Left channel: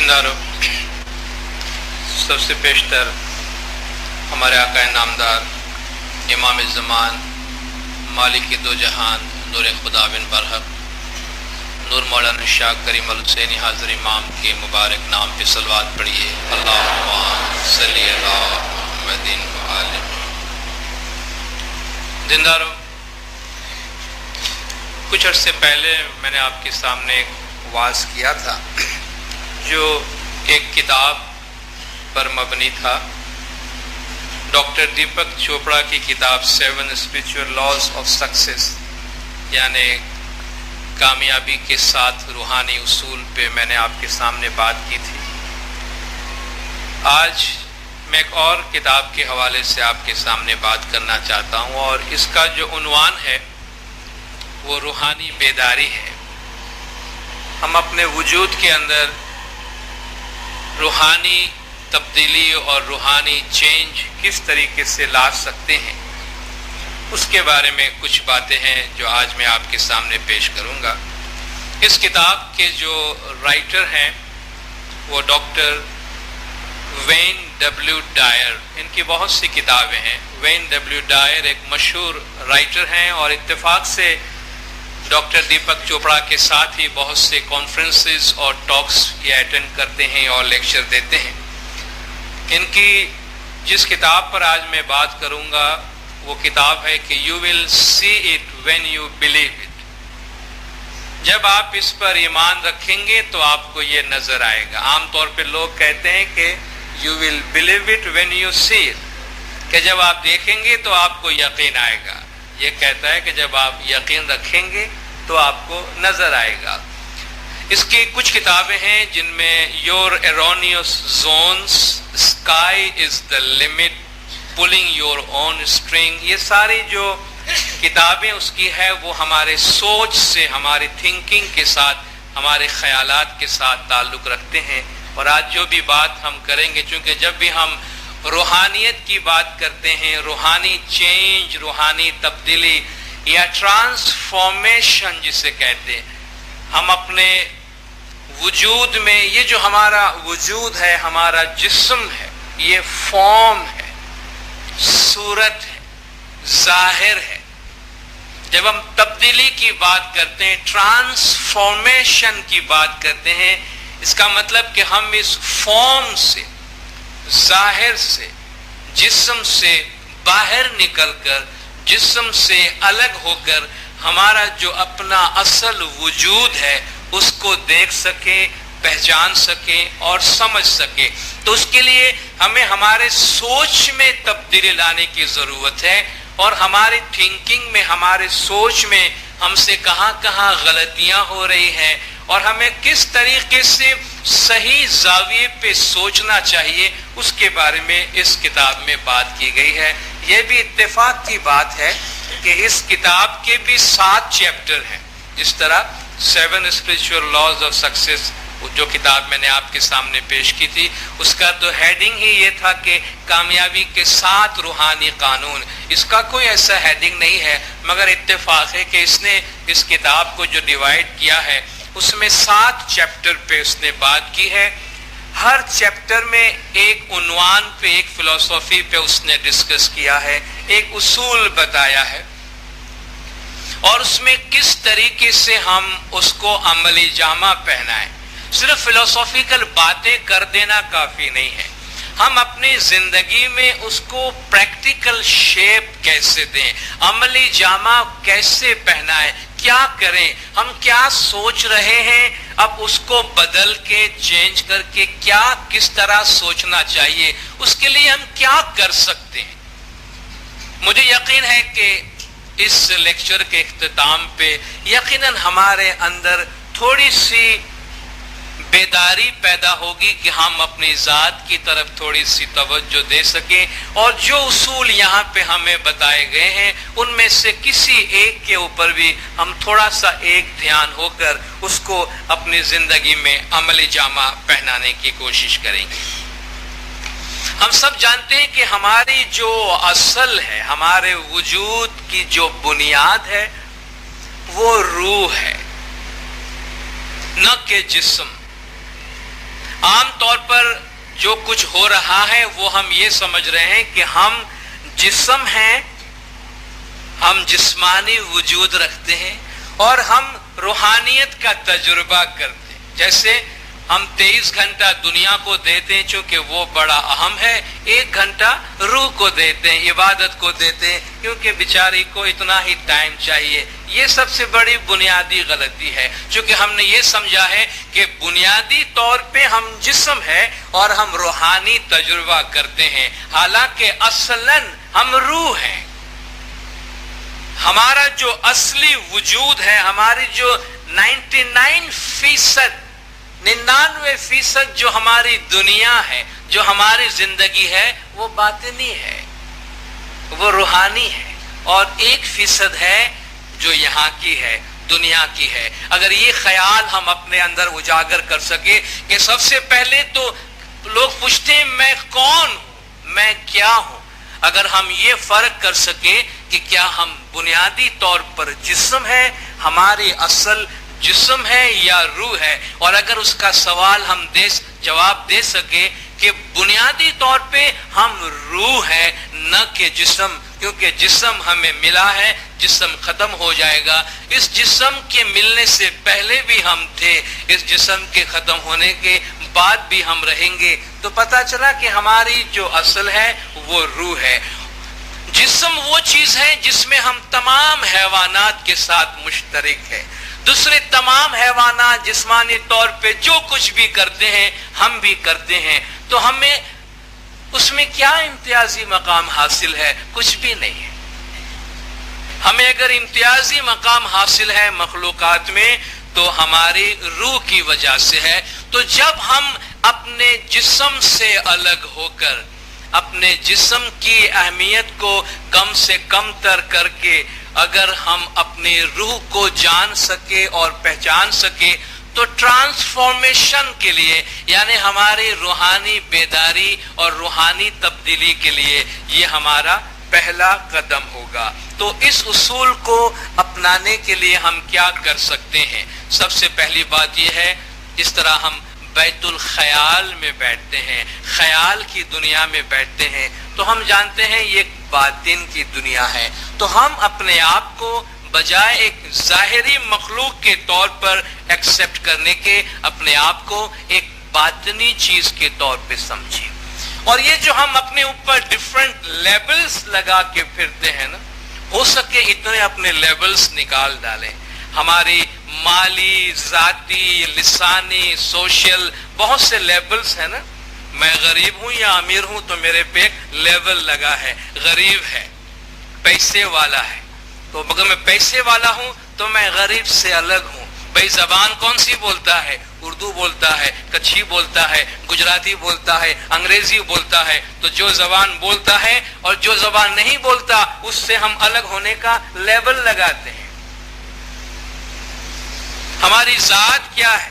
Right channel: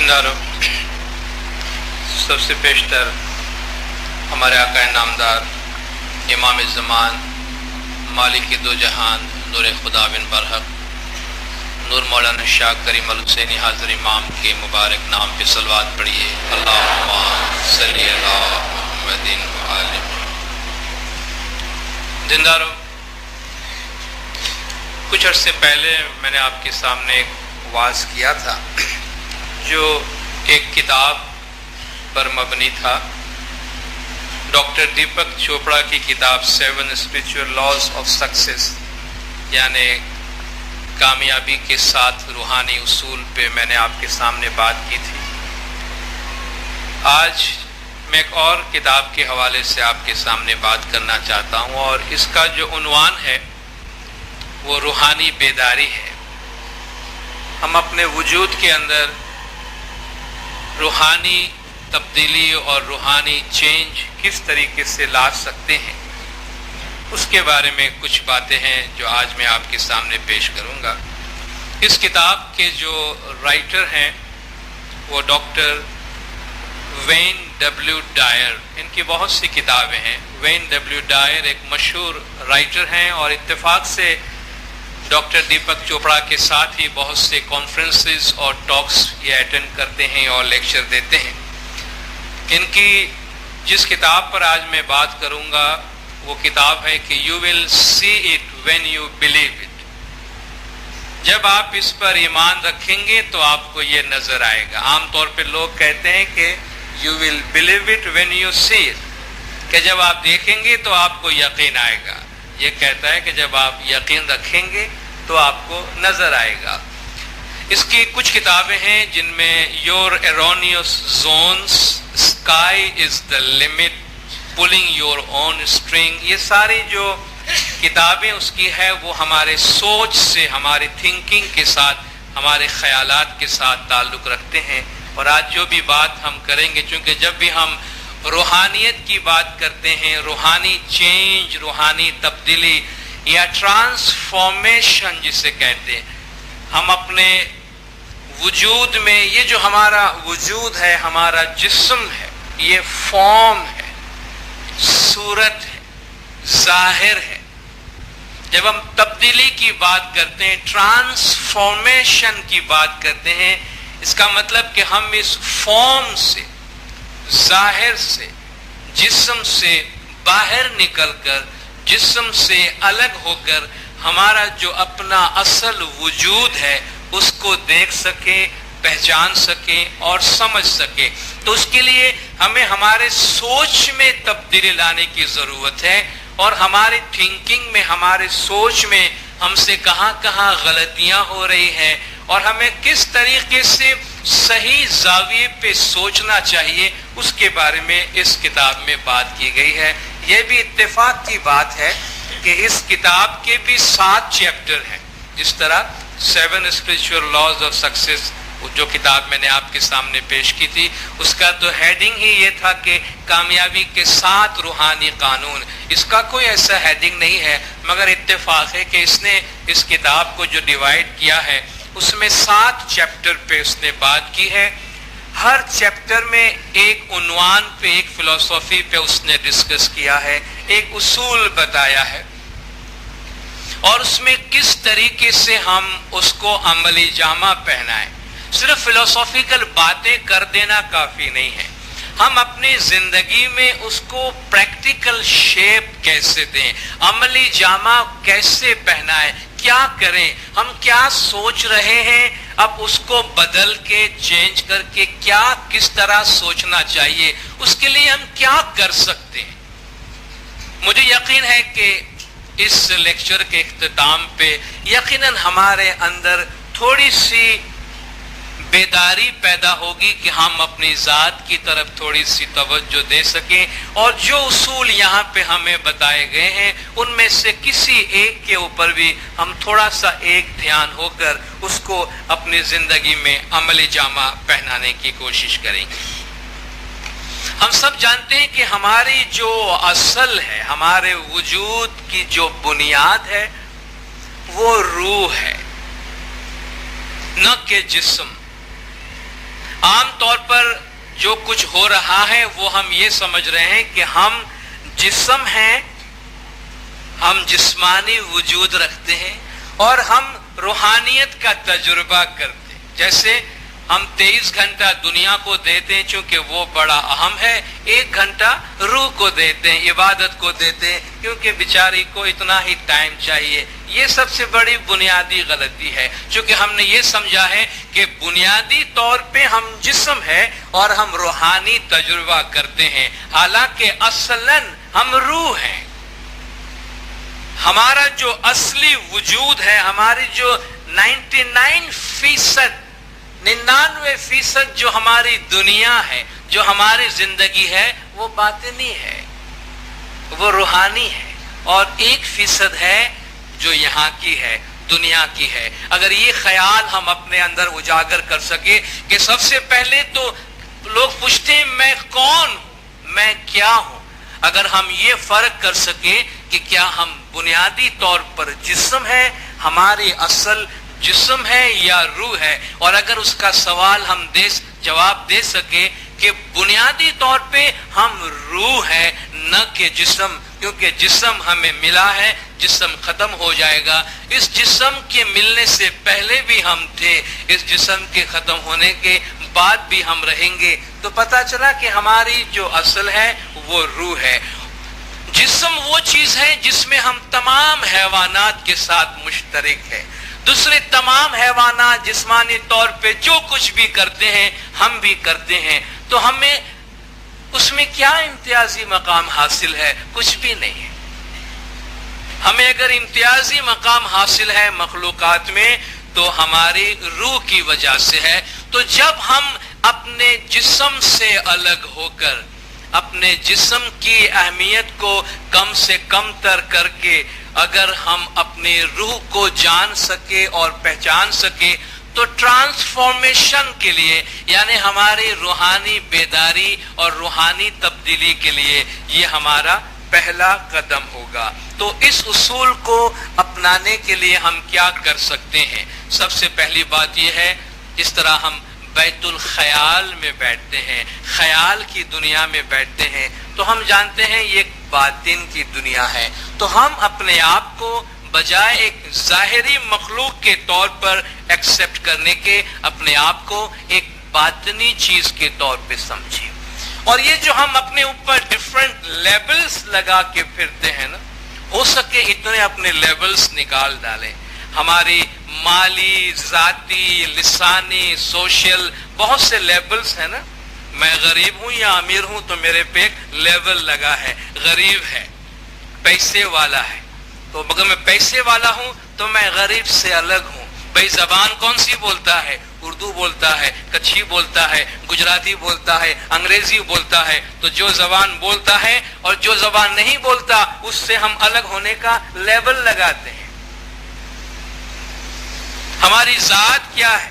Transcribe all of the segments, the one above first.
زندارو سب سے پیشتر ہمارے آقا نامدار امام الزمان مالک دو جہان نور خدا بن برحق نور مولانا شاہ کریم الحسینی حاضر امام کے مبارک نام پہ صلوات پڑھیے۔ اللہم صلی علی محمد و آل محمد۔ زندارو کچھ عرصے پہلے میں نے آپ کے سامنے ایک واعظ کیا تھا جو ایک کتاب پر مبنی تھا، ڈاکٹر دیپک چوپڑا کی کتاب 7 اسپریچول لاز آف سکسیس، یعنی کامیابی کے 7 روحانی اصول پہ میں نے آپ کے سامنے بات کی تھی۔ آج میں ایک اور کتاب کے حوالے سے آپ کے سامنے بات کرنا چاہتا ہوں، اور اس کا جو عنوان ہے وہ روحانی بیداری ہے۔ ہم اپنے وجود کے اندر روحانی تبدیلی اور روحانی چینج کس طریقے سے لا سکتے ہیں، اس کے بارے میں کچھ باتیں ہیں جو آج میں آپ کے سامنے پیش کروں گا۔ اس کتاب کے جو رائٹر ہیں وہ ڈاکٹر وین ڈبلیو ڈائر، ان کی بہت سی کتابیں ہیں۔ وین ڈبلیو ڈائر ایک مشہور رائٹر ہیں اور اتفاق سے ڈاکٹر دیپک چوپڑا کے ساتھ ہی بہت سے کانفرنسز اور ٹاکس یہ اٹینڈ کرتے ہیں اور لیکچر دیتے ہیں۔ ان کی جس کتاب پر آج میں بات کروں گا وہ کتاب ہے کہ you will see it when you believe it. جب آپ اس پر ایمان رکھیں گے تو آپ کو یہ نظر آئے گا۔ عام طور پہ لوگ کہتے ہیں کہ you will believe it when you see it, کہ جب آپ دیکھیں گے تو آپ کو یقین آئے گا۔ یہ کہتا ہے کہ جب آپ یقین رکھیں گے تو آپ کو نظر آئے گا۔ اس کی کچھ کتابیں ہیں جن میں your erroneous zones, sky is the limit, pulling your own strings, یہ ساری جو کتابیں اس کی ہے وہ ہمارے سوچ سے، ہماری تھنکنگ کے ساتھ، ہمارے خیالات کے ساتھ تعلق رکھتے ہیں۔ اور آج جو بھی بات ہم کریں گے، چونکہ جب بھی ہم روحانیت کی بات کرتے ہیں، روحانی چینج، روحانی تبدیلی یا ٹرانسفارمیشن جسے کہتے ہیں، ہم اپنے وجود میں یہ جو ہمارا وجود ہے، ہمارا جسم ہے، یہ فارم ہے، صورت ہے، ظاہر ہے۔ جب ہم تبدیلی کی بات کرتے ہیں، ٹرانسفارمیشن کی بات کرتے ہیں، اس کا مطلب کہ ہم اس فارم سے، ظاہر سے، جسم سے باہر نکل کر، جسم سے الگ ہو کر ہمارا جو اپنا اصل وجود ہے اس کو دیکھ سکیں، پہچان سکیں اور سمجھ سکیں۔ تو اس کے لیے ہمیں ہمارے سوچ میں تبدیلی لانے کی ضرورت ہے، اور ہماری تھنکنگ میں، ہمارے سوچ میں ہم سے کہاں کہاں غلطیاں ہو رہی ہیں، اور ہمیں کس طریقے سے صحیح زاویے پہ سوچنا چاہیے، اس کے بارے میں اس کتاب میں بات کی گئی ہے۔ یہ بھی اتفاق کی بات ہے کہ اس کتاب کے بھی 7 چیپٹر ہیں۔ جس طرح 7 اسپریچول لاز آف سکسیس جو کتاب میں نے آپ کے سامنے پیش کی تھی، اس کا تو ہیڈنگ ہی یہ تھا کہ کامیابی کے 7 روحانی قانون۔ اس کا کوئی ایسا ہیڈنگ نہیں ہے، مگر اتفاق ہے کہ اس نے اس کتاب کو جو ڈیوائڈ کیا ہے اس میں 7 چیپٹر پہ اس نے بات کی ہے۔ ہر چیپٹر میں ایک عنوان پہ، ایک فلسفی پہ اس نے ڈسکس کیا ہے، ایک اصول بتایا ہے، اور اس میں کس طریقے سے ہم اس کو عملی جامہ پہنائیں۔ صرف فلسفیکل باتیں کر دینا کافی نہیں ہے، ہم اپنی زندگی میں اس کو پریکٹیکل شیپ کیسے دیں، عملی جامہ کیسے پہنائیں، کیا کریں، ہم کیا سوچ رہے ہیں، اب اس کو بدل کے، چینج کر کے کس طرح سوچنا چاہیے، اس کے لیے ہم کیا کر سکتے ہیں۔ مجھے یقین ہے کہ اس لیکچر کے اختتام پہ یقیناً ہمارے اندر تھوڑی سی بیداری پیدا ہوگی کہ ہم اپنی ذات کی طرف تھوڑی سی توجہ دے سکیں، اور جو اصول یہاں پہ ہمیں بتائے گئے ہیں ان میں سے کسی ایک کے اوپر بھی ہم تھوڑا سا ایک دھیان ہو کر اس کو اپنی زندگی میں عملی جامہ پہنانے کی کوشش کریں گے۔ ہم سب جانتے ہیں کہ ہماری جو اصل ہے، ہمارے وجود کی جو بنیاد ہے وہ روح ہے، نہ کہ جسم۔ عام طور پر جو کچھ ہو رہا ہے وہ ہم یہ سمجھ رہے ہیں کہ ہم جسم ہیں، ہم جسمانی وجود رکھتے ہیں اور ہم روحانیت کا تجربہ کرتے ہیں. جیسے ہم 23 گھنٹہ دنیا کو دیتے ہیں چونکہ وہ بڑا اہم ہے، 1 گھنٹہ روح کو دیتے ہیں، عبادت کو دیتے ہیں کیونکہ بیچاری کو اتنا ہی ٹائم چاہیے. یہ سب سے بڑی بنیادی غلطی ہے، چونکہ ہم نے یہ سمجھا ہے کہ بنیادی طور پہ ہم جسم ہے اور ہم روحانی تجربہ کرتے ہیں، حالانکہ اصلاً ہم روح ہیں. ہمارا جو اصلی وجود ہے، ہماری جو 99% جو ہماری دنیا ہے، جو ہماری زندگی ہے، وہ باطنی ہے، وہ روحانی ہے، اور 1% ہے جو یہاں کی ہے، دنیا کی ہے. اگر یہ خیال ہم اپنے اندر اجاگر کر سکے کہ سب سے پہلے تو لوگ پوچھتے ہیں میں کون ہوں، میں کیا ہوں، اگر ہم یہ فرق کر سکے کہ کیا ہم بنیادی طور پر جسم ہے، ہماری اصل جسم ہے یا روح ہے، اور اگر اس کا سوال ہم جواب دے سکے کہ بنیادی طور پہ ہم روح ہے نہ کہ جسم، کیونکہ جسم ہمیں ملا ہے، جسم ختم ہو جائے گا، اس جسم کے ملنے سے پہلے بھی ہم تھے، اس جسم کے ختم ہونے کے بعد بھی ہم رہیں گے. تو پتہ چلا کہ ہماری جو اصل ہے وہ روح ہے. جسم وہ چیز ہے جس میں ہم تمام حیوانات کے ساتھ مشترک ہے. دوسرے تمام حیوانات جسمانی طور پہ جو کچھ بھی کرتے ہیں ہم بھی کرتے ہیں، تو ہمیں اس میں کیا امتیازی مقام حاصل ہے؟ کچھ بھی نہیں ہے. ہمیں اگر امتیازی مقام حاصل ہے مخلوقات میں تو ہماری روح کی وجہ سے ہے. تو جب ہم اپنے جسم سے الگ ہو کر اپنے جسم کی اہمیت کو کم سے کم تر کر کے اگر ہم اپنی روح کو جان سکے اور پہچان سکے تو ٹرانسفارمیشن کے لیے، یعنی ہماری روحانی بیداری اور روحانی تبدیلی کے لیے یہ ہمارا پہلا قدم ہوگا. تو اس اصول کو اپنانے کے لیے ہم کیا کر سکتے ہیں؟ سب سے پہلی بات یہ ہے، جس طرح ہم بیت الخیال میں بیٹھتے ہیں، خیال کی دنیا میں بیٹھتے ہیں، تو ہم جانتے ہیں یہ باطن کی دنیا ہے. تو ہم اپنے آپ کو بجائے ایک ظاہری مخلوق کے طور پر ایکسپٹ کرنے کے اپنے آپ کو ایک باطنی چیز کے طور پہ سمجھیں. اور یہ جو ہم اپنے اوپر ڈفرنٹ لیبلز لگا کے پھرتے ہیں نا، ہو سکے اتنے اپنے لیبلز نکال ڈالیں. ہماری مالی، ذاتی، لسانی، سوشل بہت سے لیبلز ہیں نا. میں غریب ہوں یا امیر ہوں تو میرے پہ ایک لیبل لگا ہے، غریب ہے، پیسے والا ہے، تو اگر میں پیسے والا ہوں تو میں غریب سے الگ ہوں. بھائی زبان کون سی بولتا ہے؟ اردو بولتا ہے، کچھی بولتا ہے، گجراتی بولتا ہے، انگریزی بولتا ہے. تو جو زبان بولتا ہے اور جو زبان نہیں بولتا اس سے ہم الگ ہونے کا لیبل لگاتے ہیں. ہماری ذات کیا ہے؟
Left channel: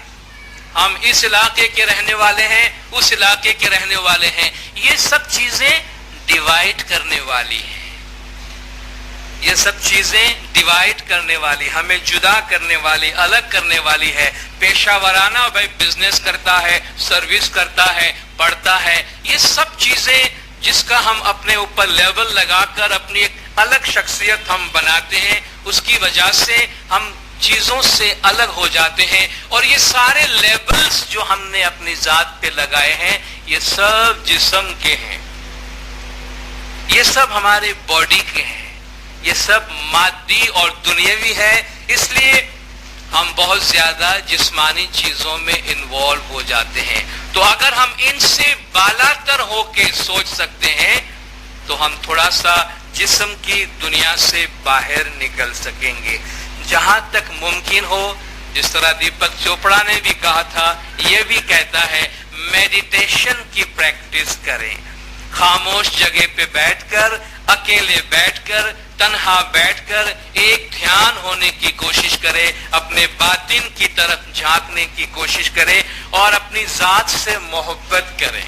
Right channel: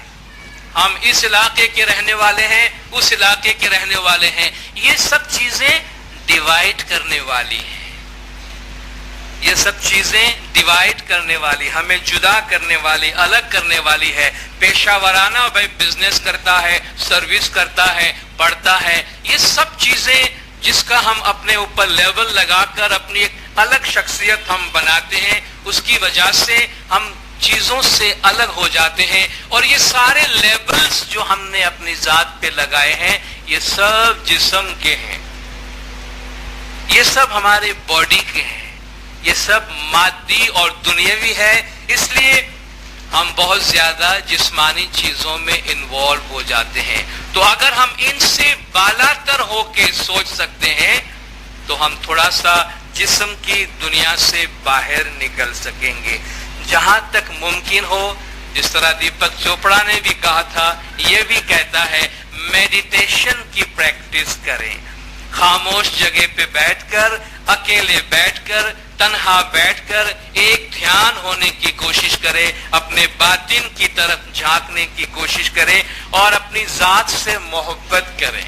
ہم اس علاقے کے رہنے والے ہیں، اس علاقے کے رہنے والے ہیں. یہ سب چیزیں ڈیوائیڈ کرنے والی ہیں، یہ سب چیزیں ڈیوائیڈ کرنے والی، ہمیں جدا کرنے والی، الگ کرنے والی ہے. پیشہ ورانہ بھائی بزنس کرتا ہے، سروس کرتا ہے، پڑھتا ہے، یہ سب چیزیں جس کا ہم اپنے اوپر لیبل لگا کر اپنی ایک الگ شخصیت ہم بناتے ہیں، اس کی وجہ سے ہم چیزوں سے الگ ہو جاتے ہیں. اور یہ سارے لیبلز جو ہم نے اپنی ذات پہ لگائے ہیں یہ سب جسم کے ہیں، یہ سب ہمارے باڈی کے ہیں، یہ سب مادی اور دنیاوی ہے. اس لیے ہم بہت زیادہ جسمانی چیزوں میں انوالو ہو جاتے ہیں. تو اگر ہم ان سے بالا تر ہو کے سوچ سکتے ہیں تو ہم تھوڑا سا جسم کی دنیا سے باہر نکل سکیں گے. جہاں تک ممکن ہو، جس طرح دیپک چوپڑا نے بھی کہا تھا، یہ بھی کہتا ہے میڈیٹیشن کی پریکٹس کریں. خاموش جگہ پہ بیٹھ کر، اکیلے بیٹھ کر، تنہا بیٹھ کر ایک دھیان ہونے کی کوشش کرے، اپنے باطن کی طرف جھانکنے کی کوشش کرے اور اپنی ذات سے محبت کریں.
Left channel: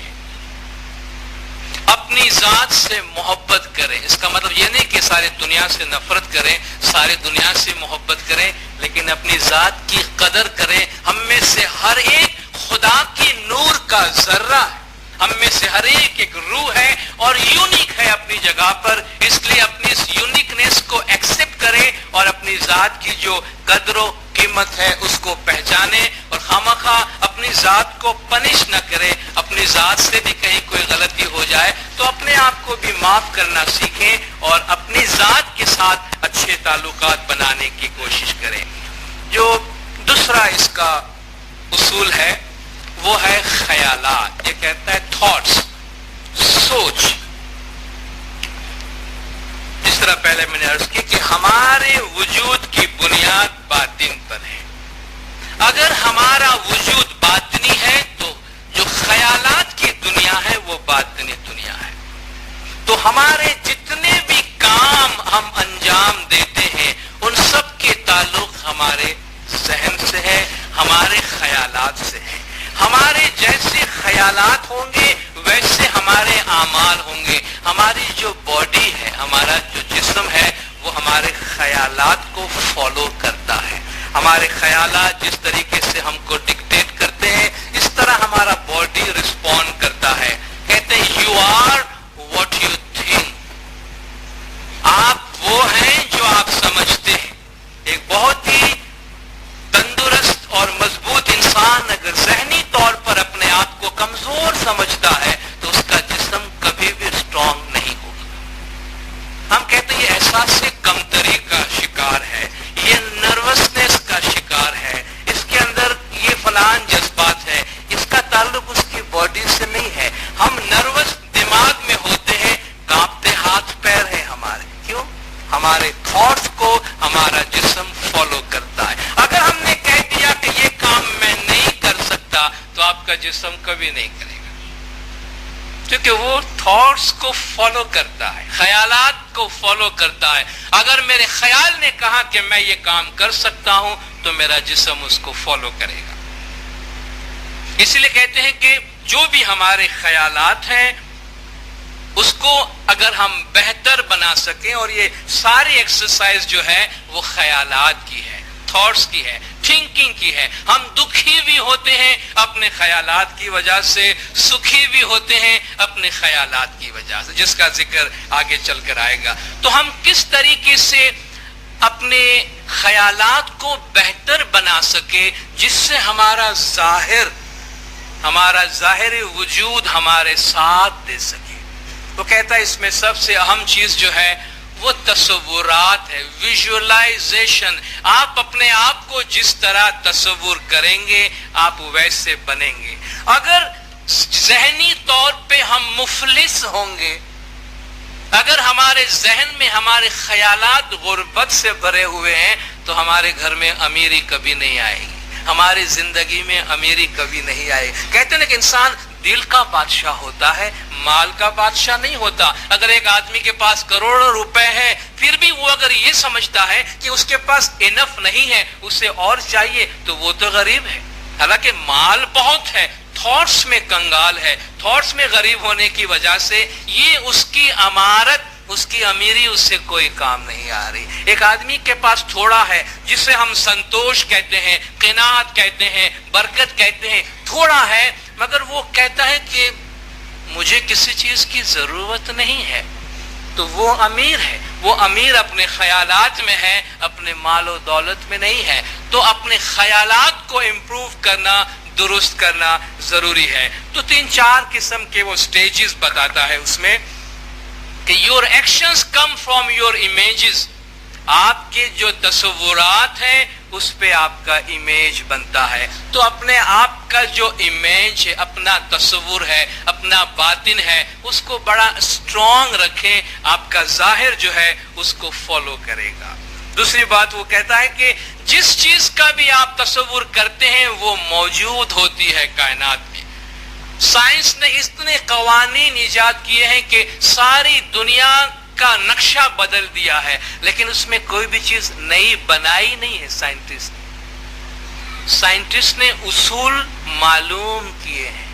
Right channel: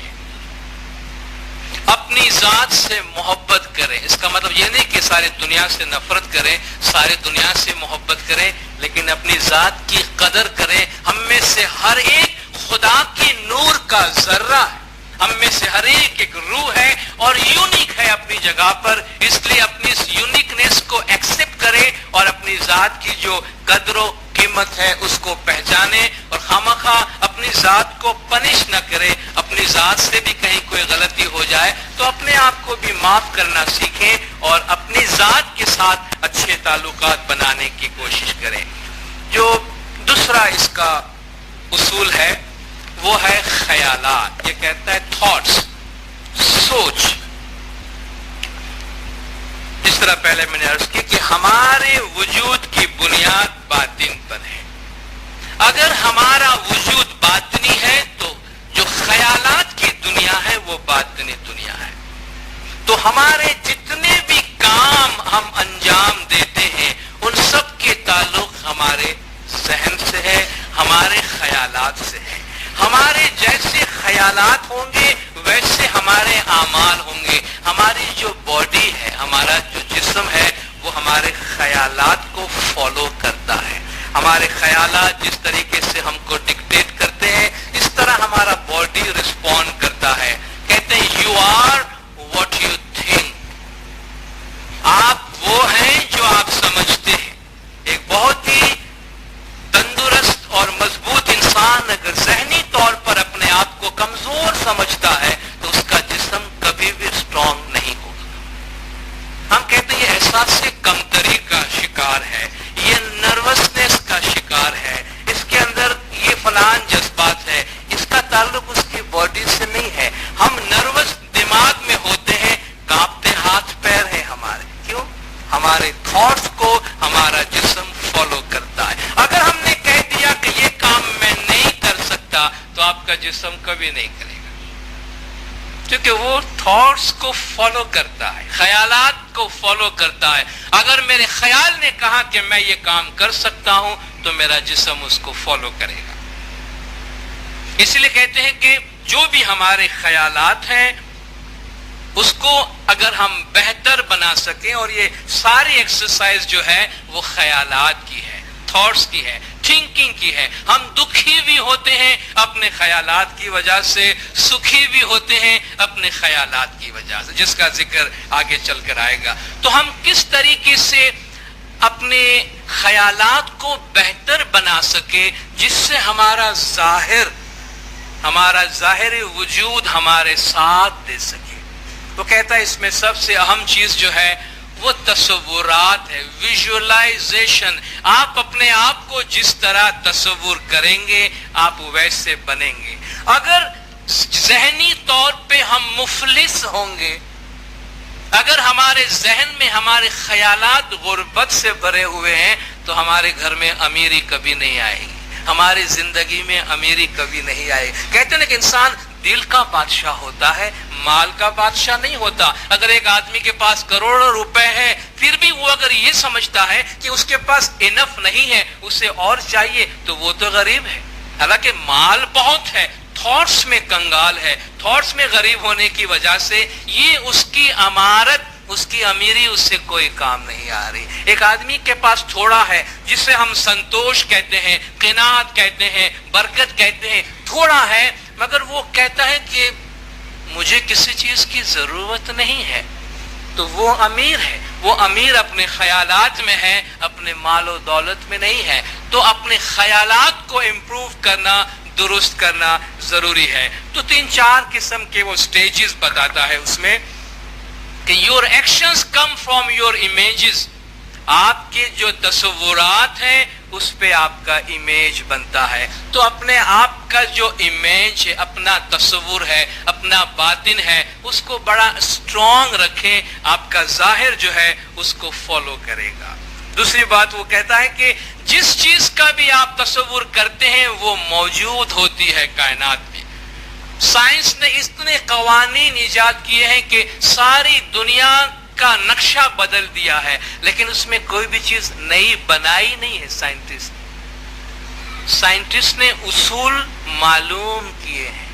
اپنی ذات سے محبت کریں. اس کا مطلب یہ نہیں کہ سارے دنیا سے نفرت کریں، سارے دنیا سے محبت کریں، لیکن اپنی ذات کی قدر کریں. ہم میں سے ہر ایک خدا کی نور کا ذرہ ہے. ہم میں سے ہر ایک روح ہے اور یونیک ہے اپنی جگہ پر. اس لیے اپنی اس یونیکنیس کو ایکسپٹ کرے اور اپنی ذات کی جو قدر و قیمت ہے اس کو پہچانے اور خامخواہ اپنی ذات کو پنش نہ کرے. اپنی ذات سے بھی کہیں کوئی غلطی ہو جائے تو اپنے آپ کو بھی معاف کرنا سیکھیں اور اپنی ذات کے ساتھ اچھے تعلقات بنانے کی کوشش کریں. جو دوسرا اس کا اصول ہے وہ ہے خیالات. یہ کہتا ہے تھاٹس، سوچ. جس طرح پہلے میں نے عرض کی کہ ہمارے وجود کی بنیاد باطن پر ہے. اگر ہمارا وجود باطنی ہے تو جو خیالات کی دنیا ہے وہ باطنی دنیا ہے. تو ہمارے جتنے بھی کام ہم انجام دیتے ہیں ان سب کے تعلق ہمارے ذہن سے ہے، ہمارے خیالات سے ہے. ہمارے جیسے خیالات ہوں گے ویسے ہمارے اعمال ہوں گے. ہماری جو باڈی ہے، ہمارا جو جسم ہے وہ ہمارے خیالات کو فالو کرتا ہے. ہمارے خیالات جس طریقے سے ہم کو ڈکٹیٹ کرتے ہیں اس طرح ہمارا باڈی رسپونڈ کرتا ہے. کہتے ہیں you are what you think. آپ وہ ہیں جو آپ سمجھتے ہیں. ایک بہت ہی تندرست اور مضبوط انسان اگر ذہنی طور پر اپنے آپ کو کمزور سمجھتا ہے تو اس کا جسم کبھی بھی اسٹرانگ نہیں ہوگا. ہم کہتے ہیں یہ احساس سے کمتری کا شکار ہے، یہ نروسنس کا شکار ہے، اس کے اندر یہ فلان جذبات ہے. اس کا تعلق اس کی باڈی سے نہیں ہے. ہم نروس دماغ میں ہوتے ہیں، کانپتے ہاتھ پیر ہیں ہمارے. کیوں؟ ہمارے تھاٹس کو ہمارا جسم فالو کرتا ہے. اگر ہم نے کہہ دیا کہ یہ کام میں نہیں کر سکتا تو آپ کا جسم کبھی نہیں کرے گا، کیونکہ وہ تھاٹس کو فالو کرتا ہے، خیالات کو فالو کرتا ہے. اگر میرے خیال نے کہا کہ میں یہ کام کر سکتا ہوں تو میرا جسم اس کو فالو کرے گا. اس لیے کہتے ہیں کہ جو بھی ہمارے خیالات ہیں اس کو اگر ہم بہتر بنا سکیں، اور یہ ساری ایکسرسائز جو ہے وہ خیالات کی ہے، تھاٹس کی ہے، تھنکنگ کی ہے. ہم دکھی بھی ہوتے ہیں اپنے خیالات کی وجہ سے، سکھی بھی ہوتے ہیں اپنے خیالات کی وجہ سے، جس کا ذکر آگے چل کر آئے گا. تو ہم کس طریقے سے اپنے خیالات کو بہتر بنا سکے جس سے ہمارا ظاہر وجود ہمارے ساتھ دے سکے. وہ کہتا ہے اس میں سب سے اہم چیز جو ہے وہ تصورات ہے، ویژولائزیشن. آپ اپنے آپ کو جس طرح تصور کریں گے آپ ویسے بنیں گے. اگر ذہنی طور پہ ہم مفلس ہوں گے، اگر ہمارے ذہن میں ہمارے خیالات غربت سے بھرے ہوئے ہیں تو ہمارے گھر میں امیری کبھی نہیں آئے گی، ہماری زندگی میں امیری کبھی نہیں آئے گی. کہتے ہیں کہ انسان دل کا بادشاہ ہوتا ہے، مال کا بادشاہ نہیں ہوتا. اگر ایک آدمی کے پاس کروڑوں روپے ہیں پھر بھی وہ اگر یہ سمجھتا ہے کہ اس کے پاس انف نہیں ہے، اسے اور چاہیے، تو وہ تو غریب ہے. حالانکہ مال بہت ہے، تھاٹس میں کنگال ہے. تھاٹس میں غریب ہونے کی وجہ سے یہ اس کی امارت، اس کی امیری اس سے کوئی کام نہیں آ رہی. ایک آدمی کے پاس تھوڑا ہے جسے ہم سنتوش کہتے ہیں، قناعت کہتے ہیں، برکت کہتے ہیں. تھوڑا ہے مگر وہ کہتا ہے کہ مجھے کسی چیز کی ضرورت نہیں ہے، تو وہ امیر ہے. وہ امیر اپنے خیالات میں ہے، اپنے مال و دولت میں نہیں ہے. تو اپنے خیالات کو امپروو کرنا، درست کرنا ضروری ہے. تو 3-4 قسم کے وہ سٹیجز بتاتا ہے اس میں کہ your actions come from your images. آپ کے جو تصورات ہیں اس پہ آپ کا امیج بنتا ہے. تو اپنے آپ کا جو امیج ہے، اپنا تصور ہے، اپنا باطن ہے، اس کو بڑا اسٹرانگ رکھیں. آپ کا ظاہر جو ہے اس کو فالو کرے گا. دوسری بات وہ کہتا ہے کہ جس چیز کا بھی آپ تصور کرتے ہیں وہ موجود ہوتی ہے کائنات میں. سائنس نے اتنے قوانین ایجاد کیے ہیں کہ ساری دنیا کا نقشہ بدل دیا ہے، لیکن اس میں کوئی بھی چیز نئی بنائی نہیں ہے. سائنٹسٹ نے اصول معلوم کیے ہیں.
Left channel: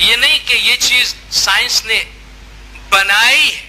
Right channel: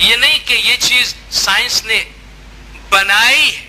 یہ نہیں کہ یہ چیز سائنس نے بنائی ہے.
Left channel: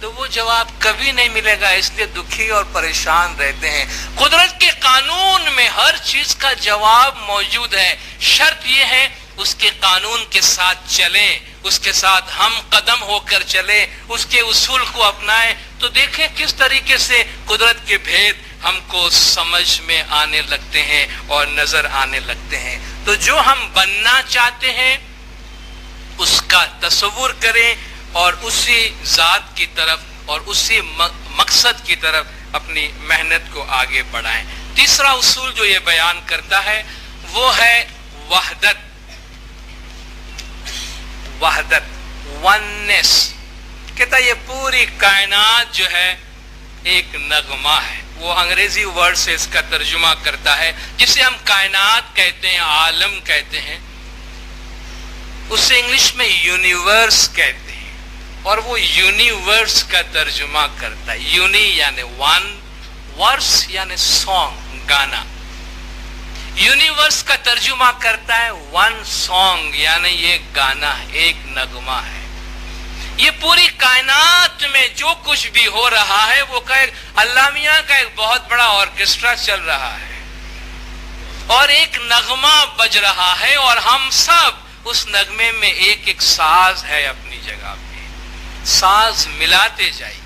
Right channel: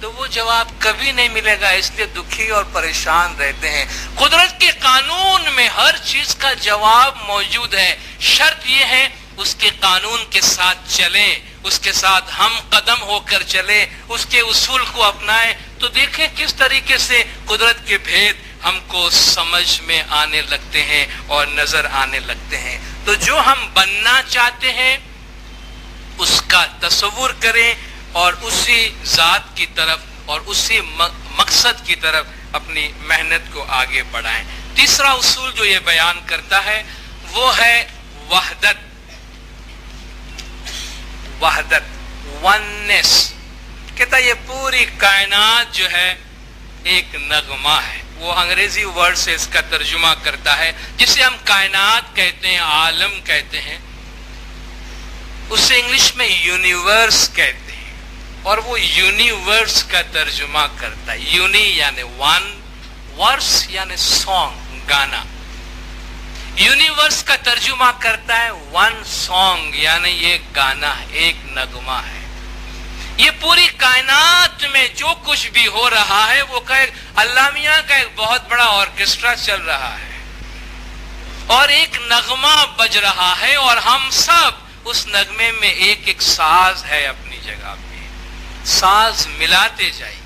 تو وہ جواب کبھی نہیں ملے گا، اس لیے دکھی اور پریشان رہتے ہیں۔ قدرت کے قانون میں ہر چیز کا جواب موجود ہے، شرط یہ ہے اس کے قانون کے ساتھ چلیں، اس کے ساتھ ہم قدم ہو کر چلیں، اس کے اصول کو اپنائیں، تو دیکھیں کس طریقے سے قدرت کے بھید ہم کو سمجھ میں آنے لگتے ہیں اور نظر آنے لگتے ہیں۔ تو جو ہم بننا چاہتے ہیں اس کا تصور کریں اور اسی ذات کی طرف اور اسی مقصد کی طرف اپنی محنت کو آگے بڑھائیں۔ تیسرا اصول جو یہ بیان کرتا ہے وہ ہے وحدت، وننس۔ کہتا ہے یہ پوری کائنات جو ہے ایک نغمہ ہے۔ وہ انگریزی ورڈ سے اس کا ترجمہ کرتا ہے، جسے ہم کائنات کہتے ہیں، عالم کہتے ہیں، اسے انگلش میں یونیورس کہتے ہیں، اور وہ یونیورس کا ترجمہ کرتا ہے۔ یونی یعنی ون، ورس یعنی سانگ، گانا۔ یونیورس کا ترجمہ کرتا ہے ون سانگ، یعنی یہ گانا ہے، ایک نغمہ ہے۔ یہ پوری کائنات میں جو کچھ بھی ہو رہا ہے وہ اللہ میاں کا ایک بہت بڑا آرکیسٹرا چل رہا ہے اور ایک نغمہ بج رہا ہے، اور ہم سب اس نغمے میں ایک ایک ساز ہے اپنی جگہ پہ۔ ساز ملاتے جائیے،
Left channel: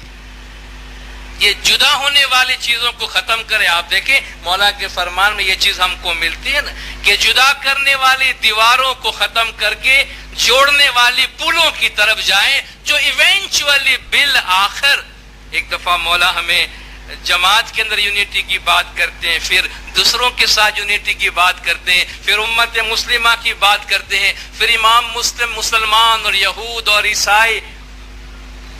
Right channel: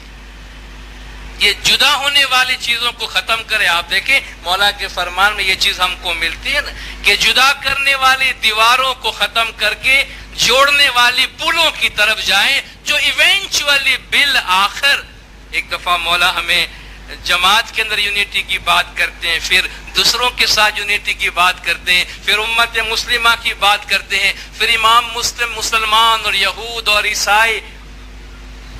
یہ جدا ہونے والی چیزوں کو ختم کرے۔ آپ دیکھیں مولا کے فرمان میں یہ چیز ہم کو ملتی ہے نا کہ جدا کرنے والی دیواروں کو ختم کر کے جوڑنے والی پلوں کی طرف جائیں، جو ایونچولی بالآخر ایک دفعہ مولا ہمیں جماعت کے اندر یونیٹی کی بات کرتے ہیں، پھر دوسروں کے ساتھ یونیٹی کی بات کرتے ہیں، پھر امت مسلمہ کی بات کرتے ہیں، پھر امام مسلم مسلمان اور یہود اور عیسائی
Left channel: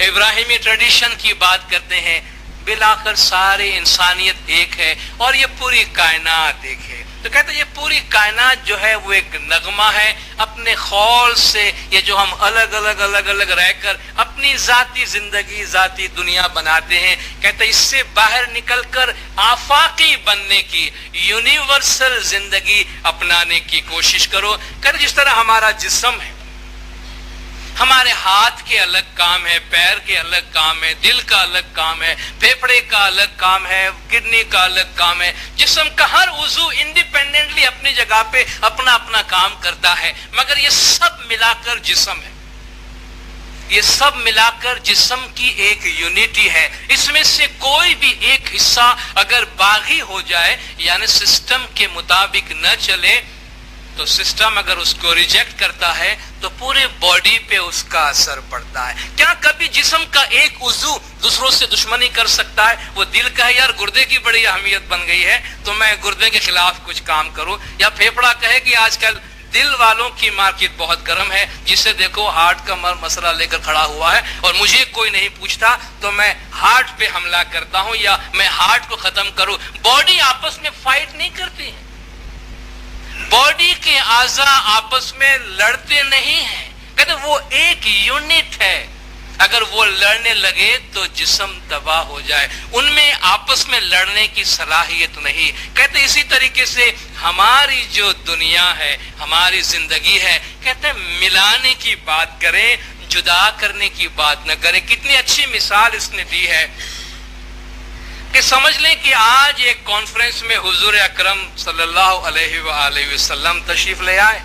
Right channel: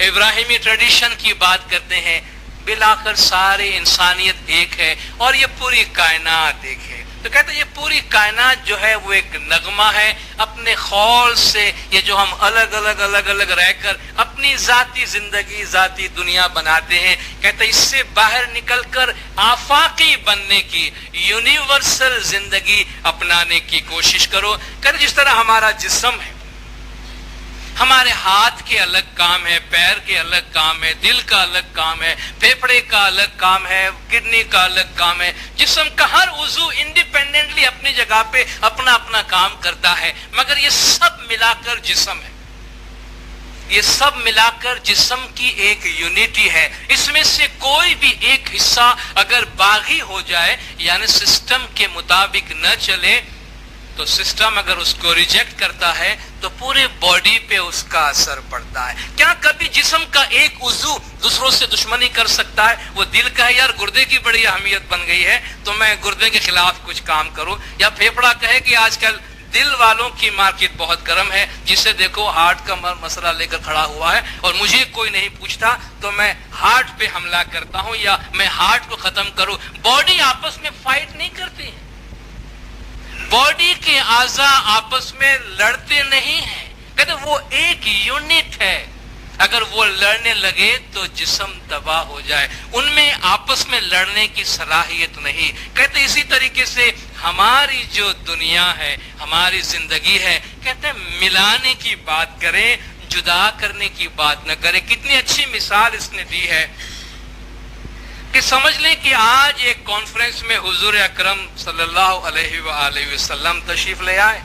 ابراہیمی ٹریڈیشن کی بات کرتے ہیں، بالآخر ساری انسانیت ایک ہے اور یہ پوری کائنات ایک ہے۔ تو کہتے ہیں یہ پوری کائنات جو ہے وہ ایک نغمہ ہے، اپنے خول سے یہ جو ہم الگ الگ رہ کر اپنی ذاتی زندگی، ذاتی دنیا بناتے ہیں، کہتے ہیں اس سے باہر نکل کر آفاقی بننے کی، یونیورسل زندگی اپنانے کی کوشش کرو۔ کہتے ہیں جس طرح ہمارا جسم ہے، ہمارے ہاتھ کے الگ کام ہے، پیر کے الگ کام ہے، دل کا الگ کام ہے، پھیپھڑے کا الگ کام ہے، کڈنی کا الگ کام ہے۔ جسم کا ہر عضو انڈیپینڈنٹلی اپنی جگہ پہ اپنا اپنا کام کرتا ہے، مگر یہ سب ملا کر جسم ہے، یہ سب ملا کر جسم کی ایک یونٹی ہے۔ اس میں سے کوئی بھی ایک حصہ اگر باغی ہو جائے، یعنی سسٹم کے مطابق نہ چلے، تو سسٹم اگر اس کو ریجیکٹ کرتا ہے تو پورے باڈی پہ اس کا اثر پڑتا ہے۔ کیا کبھی جسم کا ایک عضو دوسروں سے دشمنی کر سکتا ہے؟ وہ دل کا ہے یار گردے کی بڑی اہمیت بن گئی ہے تو میں گردے کے خلاف کچھ کام کروں، یا پھیپھڑا کہے کہ آج کل دل والوں کی مارکیٹ بہت گرم ہے، جسے دیکھو ہارٹ کا مسئلہ لے کر کھڑا ہوا ہے اور مجھے کوئی نہیں پوچھتا تو میں ہارٹ پہ حملہ کرتا ہوں یا میں ہارٹ کو ختم کروں۔ باڈی آپس میں فائٹ نہیں کرتی ہے، باڈی کے اعضاء آپس میں لڑتے نہیں ہیں، کہتے وہ ایک یونٹ ہے، اگر وہ لڑنے لگے تو جسم تباہ ہو جائے، ان میں آپس میں لڑنے کی صلاحیت نہیں۔ کہتے اسی طریقے سے ہماری جو دنیا ہے، ہماری زندگی ہے، کہتے ملانے کی بات کریں، جدا کرنے کی بات نہ کریں۔ کتنی اچھی مثال اس نے دی ہے کہ سمجھ لیں کہ آج ایک کانفرنس میں حضور اکرم صلی اللہ علیہ وآلہ وسلم تشریف لے آئے،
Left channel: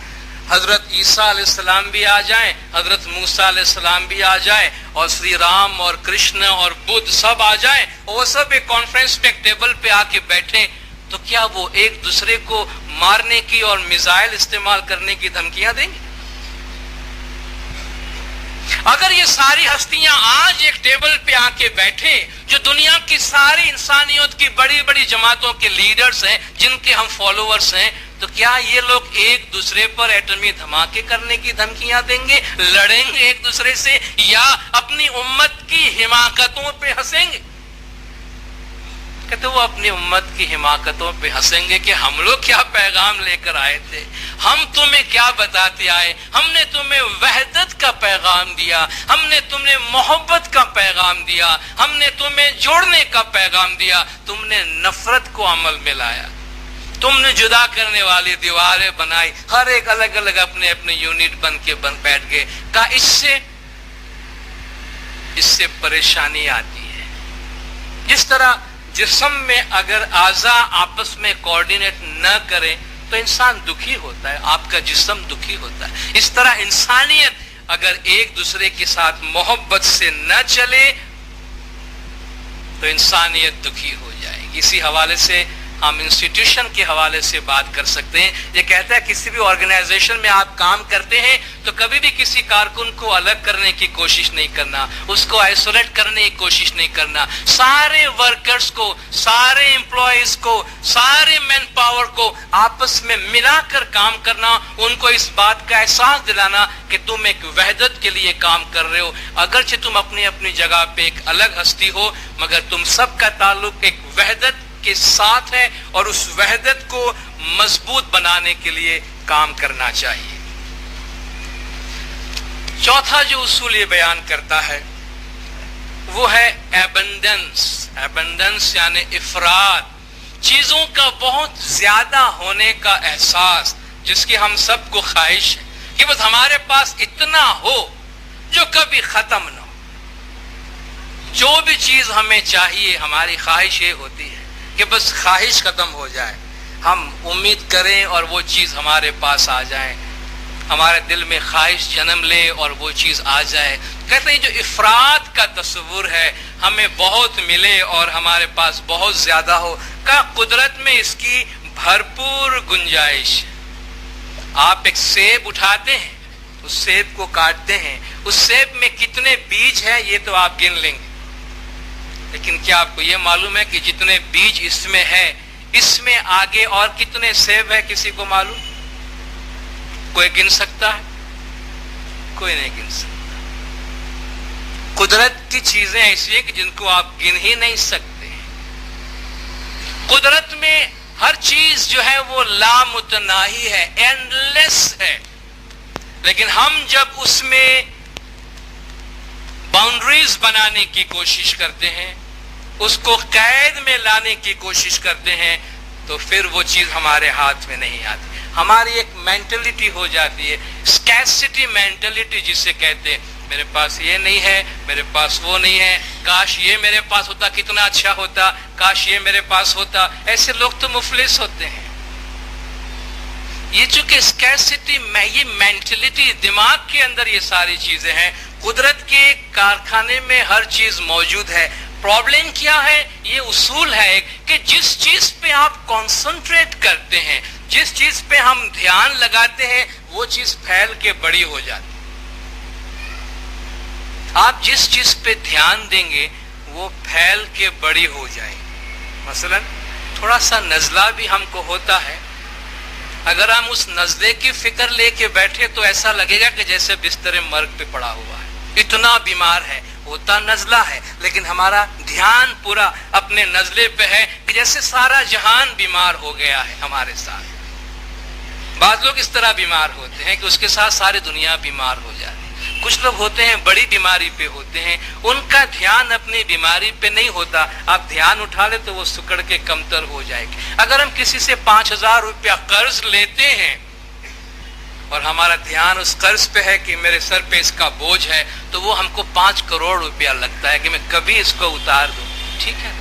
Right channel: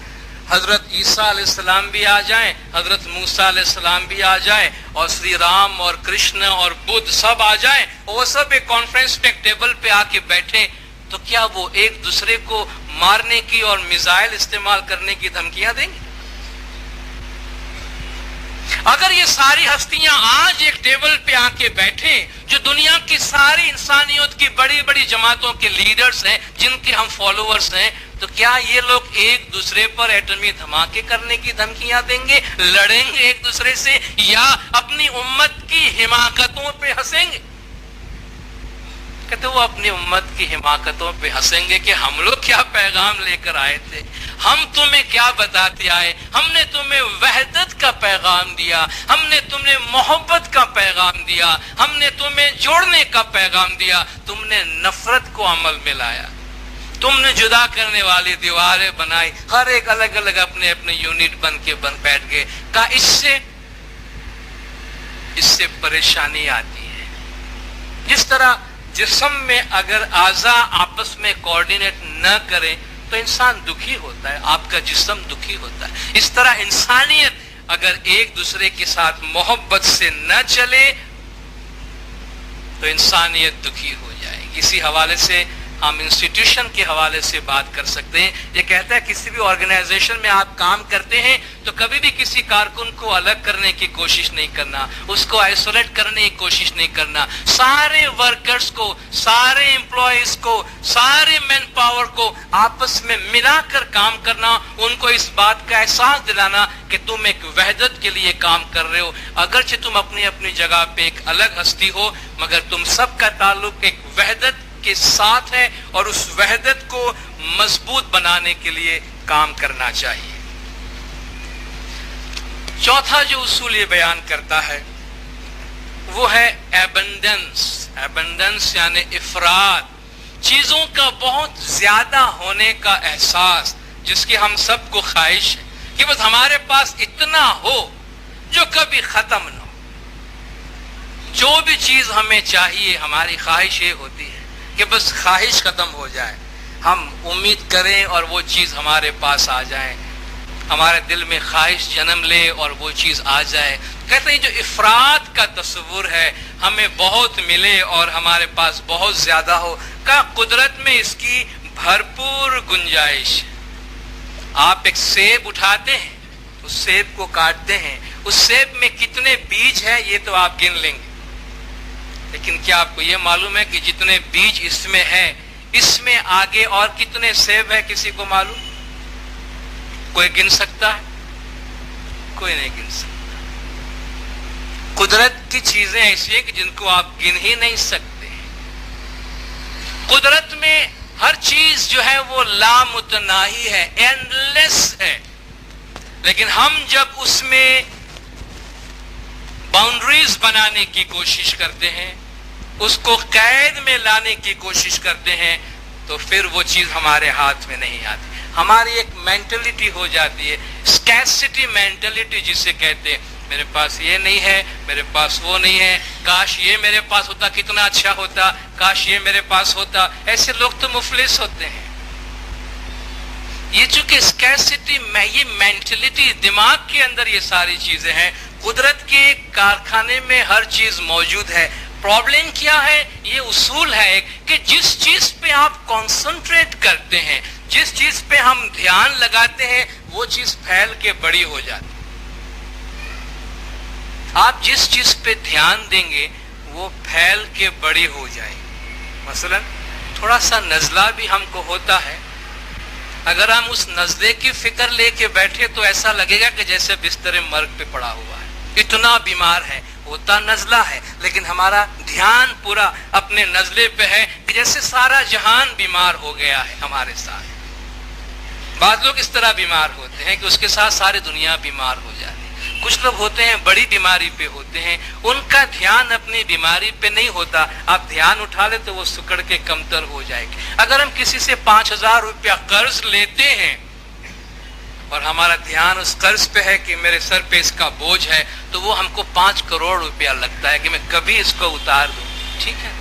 حضرت عیسیٰ علیہ السلام بھی آ جائیں، حضرت موسیٰ علیہ السلام بھی آ جائیں، اور سری رام اور کرشن اور بدھ سب آ جائیں، اور وہ سب ایک کانفرنس پہ ایک ٹیبل پہ آ کے بیٹھیں، تو کیا وہ ایک دوسرے کو مارنے کی اور میزائل استعمال کرنے کی دھمکیاں دیں گے؟ اگر یہ ساری ہستیاں آج ایک ٹیبل پہ آ کے بیٹھیں، جو دنیا کی ساری انسانیت کی بڑی بڑی جماعتوں کے لیڈرز ہیں، جن کے ہم فالوورز ہیں، تو کیا یہ لوگ ایک دوسرے پر ایٹمی دھماکے کرنے کی دھمکیاں دیں گے، لڑیں گے ایک دوسرے سے، یا اپنی امت کی حماقتوں پہ ہنسیں گے؟ کہتے وہ اپنی امت کی حماقتوں پہ ہنسیں گے کہ ہم لوگ کیا پیغام لے کر آئے تھے، ہم تمہیں کیا بتاتے آئے، ہم نے تمہیں وحدت کا پیغام دیا، ہم نے تمہیں محبت کا پیغام دیا، ہم نے تمہیں جوڑنے کا پیغام دیا، تم نے نفرت کو عمل میں لایا، تم نے جدا کرنے والی دیواریں بنائی، ہر ایک الگ الگ اپنے اپنے یونٹ بن کے بیٹھ گئے۔ کہا اس سے اس سے پریشانی آتی ہے۔ جس طرح جسم میں اگر اعضاء آپس میں کوآرڈینیٹ نہ کریں تو انسان دکھی ہوتا ہے، آپ کا جسم دکھی ہوتا ہے، اس طرح انسانیت اگر ایک دوسرے کے ساتھ محبت سے نہ چلے تو انسانیت دکھی ہو جائے گی۔ اسی حوالے سے ہم انسٹیٹیوشن کے حوالے سے بات کر سکتے ہیں۔ یہ کہتا ہے کسی بھی آرگنائزیشن میں آپ کام کرتے ہیں تو کبھی بھی کسی کارکن کو الگ کرنے کی کوشش نہیں کرنا، اس کو آئسولیٹ کرنے کی کوشش نہیں کرنا، سارے ورکرز کو، سارے امپلائیز کو، سارے مین پاور کو آپس میں ملا کر کام کرنا، ان کو اس بات کا احساس دلانا کہ تم ایک وحدت کے لیے کام کر رہے ہو، اگرچہ تم اپنی اپنی جگہ پہ ایک الگ ہستی ہو مگر تم سب کا تعلق ایک وحدت کے ساتھ ہے اور اس وحدت کو مضبوط بنانے کے لیے کام کرنا چاہیے۔ چوتھا جو اصول یہ بیان کرتا ہے وہ ہے ایبنڈنس۔ ایبنڈنس یعنی افراد، چیزوں کا بہت زیادہ ہونے کا احساس جس کی ہم سب کو خواہش ہے کہ بس ہمارے پاس اتنا ہو جو کبھی ختم نہ ہو۔ جو بھی چیز ہمیں چاہیے ہماری خواہش یہ ہوتی ہے کہ بس خواہش ختم ہو جائے، ہم امید کریں اور وہ چیز ہمارے پاس آ جائے، ہمارے دل میں خواہش جنم لے اور وہ چیز آ جائے۔ کہتے ہیں جو افراد کا تصور ہے ہمیں بہت ملے اور ہمارے پاس بہت زیادہ ہو، کا قدرت میں اس کی بھرپور گنجائش ہے۔ آپ ایک سیب اٹھاتے ہیں، اس سیب کو کاٹتے ہیں، اس سیب میں کتنے بیج ہیں یہ تو آپ گن لیں گے، لیکن کیا آپ کو یہ معلوم ہے کہ جتنے بیج اس میں ہے اس میں آگے اور کتنے سیب ہے؟ کسی کو معلوم؟ کوئی گن سکتا ہے؟ کوئی نہیں گن سکتا۔ قدرت کی چیزیں ایسی ہیں کہ جن کو آپ گن ہی نہیں سکتے۔ قدرت میں ہر چیز جو ہے وہ لامتناہی ہے، اینڈ لیس ہے، لیکن ہم جب اس میں باؤنڈریز بنانے کی کوشش کرتے ہیں، اس کو قید میں لانے کی کوشش کرتے ہیں تو پھر وہ چیز ہمارے ہاتھ میں نہیں آتی۔ ہماری ایک مینٹلٹی ہو جاتی ہے، اسکیسٹی مینٹلٹی جسے کہتے ہیں، میرے پاس یہ نہیں ہے، میرے پاس وہ نہیں ہے، کاش یہ میرے پاس ہوتا کتنا اچھا ہوتا، کاش یہ میرے پاس ہوتا۔ ایسے لوگ تو مفلس ہوتے ہیں۔ یہ چونکہ اسکیسٹی میں یہ مینٹلٹی دماغ کے اندر یہ ساری چیزیں ہیں، قدرت کے کارخانے میں ہر چیز موجود ہے۔ پرابلم کیا ہے؟ یہ اصول ہے ایک کہ جس چیز پہ آپ کانسنٹریٹ کرتے ہیں، جس چیز پہ ہم دھیان لگاتے ہیں وہ چیز پھیل کے بڑی ہو جاتی ہے۔ آپ جس چیز پہ دھیان دیں گے وہ پھیل کے بڑی ہو جائے گی۔ مثلا تھوڑا سا نزلہ بھی ہم کو ہوتا ہے، اگر ہم اس نزلے کی فکر لے کے بیٹھے تو ایسا لگے گا کہ جیسے بستر مرگ پہ پڑا ہوا ہے، اتنا بیمار ہے، ہوتا نزلہ ہے لیکن ہمارا دھیان پورا اپنے نزلے پہ ہے کہ جیسے سارا جہان بیمار ہو گیا ہے ہمارے ساتھ۔ بعض لوگ اس طرح بیمار ہوتے ہیں کہ اس کے ساتھ ساری دنیا بیمار ہو جاتی ہے۔ کچھ لوگ ہوتے ہیں بڑی بیماری پہ ہوتے ہیں، ان کا دھیان اپنی بیماری پہ نہیں ہوتا، آپ دھیان اٹھا لیں تو وہ سکڑ کے کمتر ہو جائے گی۔ اگر ہم کسی سے 5,000 روپیہ قرض لیتے ہیں اور ہمارا دھیان اس قرض پہ ہے کہ میرے سر پہ اس کا بوجھ ہے تو وہ ہم کو 5 کروڑ روپیہ لگتا ہے کہ میں کبھی اس کو اتار دوں۔ ٹھیک ہے،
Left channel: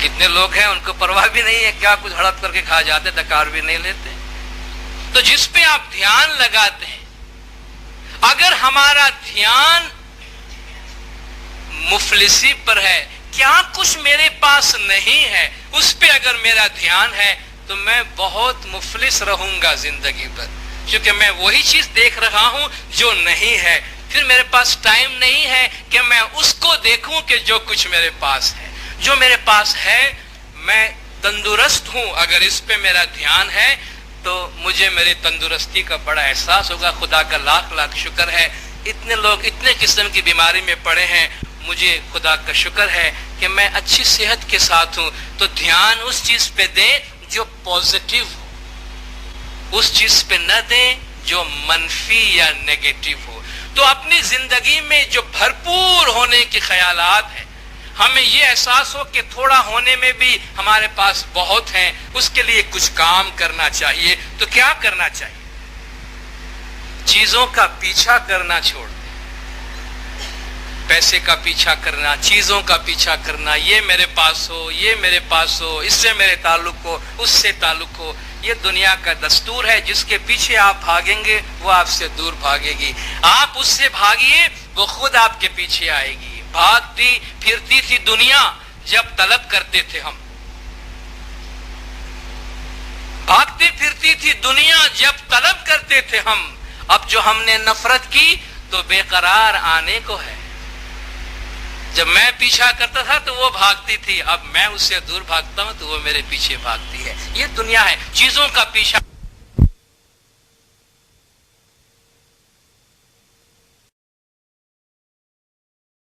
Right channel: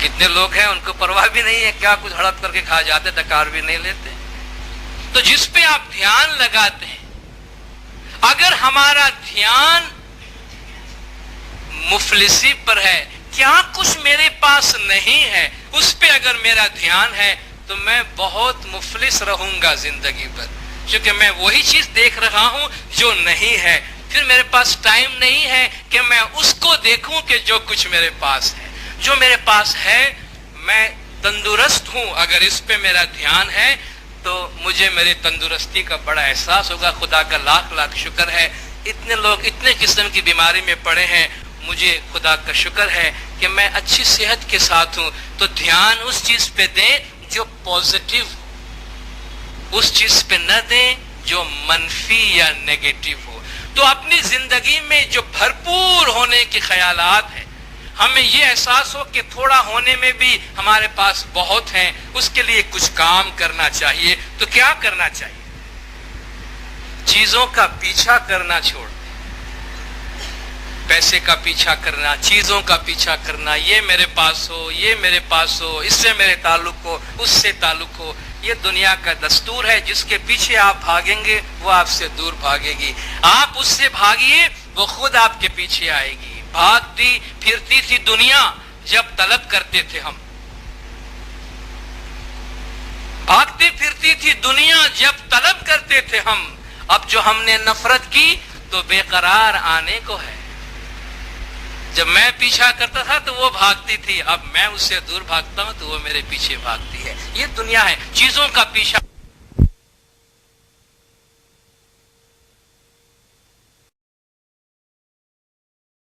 کتنے لوگ ہیں ان کو پرواہ بھی نہیں ہے، کیا کچھ ہڑپ کر کے کھا جاتے، ڈکار بھی نہیں لیتے۔ تو جس پہ آپ دھیان لگاتے ہیں، اگر ہمارا دھیان مفلسی پر ہے، کیا کچھ میرے پاس نہیں ہے، اس پہ اگر میرا دھیان ہے تو میں بہت مفلس رہوں گا زندگی پر، کیونکہ میں وہی چیز دیکھ رہا ہوں جو نہیں ہے۔ پھر میرے پاس ٹائم نہیں ہے کہ میں اس کو دیکھوں کہ جو کچھ میرے پاس ہے۔ جو میرے پاس ہے میں تندرست ہوں، اگر اس پہ میرا دھیان ہے تو مجھے میری تندرستی کا بڑا احساس ہوگا۔ خدا کا لاکھ لاکھ شکر ہے، اتنے لوگ اتنے قسم کی بیماری میں پڑے ہیں، مجھے خدا کا شکر ہے کہ میں اچھی صحت کے ساتھ ہوں۔ تو دھیان اس چیز پہ دیں جو پازیٹیو ہو، اس چیز پہ نہ دیں جو منفی یا نیگیٹو ہو۔ تو اپنی زندگی میں جو بھرپور ہونے کے خیالات ہیں، ہمیں یہ احساس ہو کہ تھوڑا ہونے میں بھی ہمارے پاس بہت ہیں، اس کے لیے کچھ کام کرنا چاہیے۔ تو کیا کرنا چاہیے؟ چیزوں کا پیچھا کرنا چھوڑ دیں، پیسے کا پیچھا کرنا، چیزوں کا پیچھا کرنا، یہ میرے پاس ہو، یہ میرے پاس ہو، اس سے میرے تعلق ہو، اس سے تعلق ہو، یہ دنیا کا دستور ہے۔ جس کے پیچھے آپ بھاگیں گے وہ آپ سے دور بھاگے گی، آپ اس سے بھاگیے وہ خود آپ کے پیچھے آئے گی۔ بھاگتی پھرتی تھی دنیا جب طلب کرتے تھے ہم، بھاگتی پھرتی تھی دنیا جب طلب کرتے تھے ہم، اب جو ہم نے نفرت کی تو بے قرار آنے کو ہے۔ جب میں پیچھا کرتا تھا تو وہ بھاگتی تھی، اب میں اس سے دور بھاگتا ہوں تو وہ میرے پیچھے بھاگتی ہے۔ یہ دنیا ہے، چیزوں کا پیچھا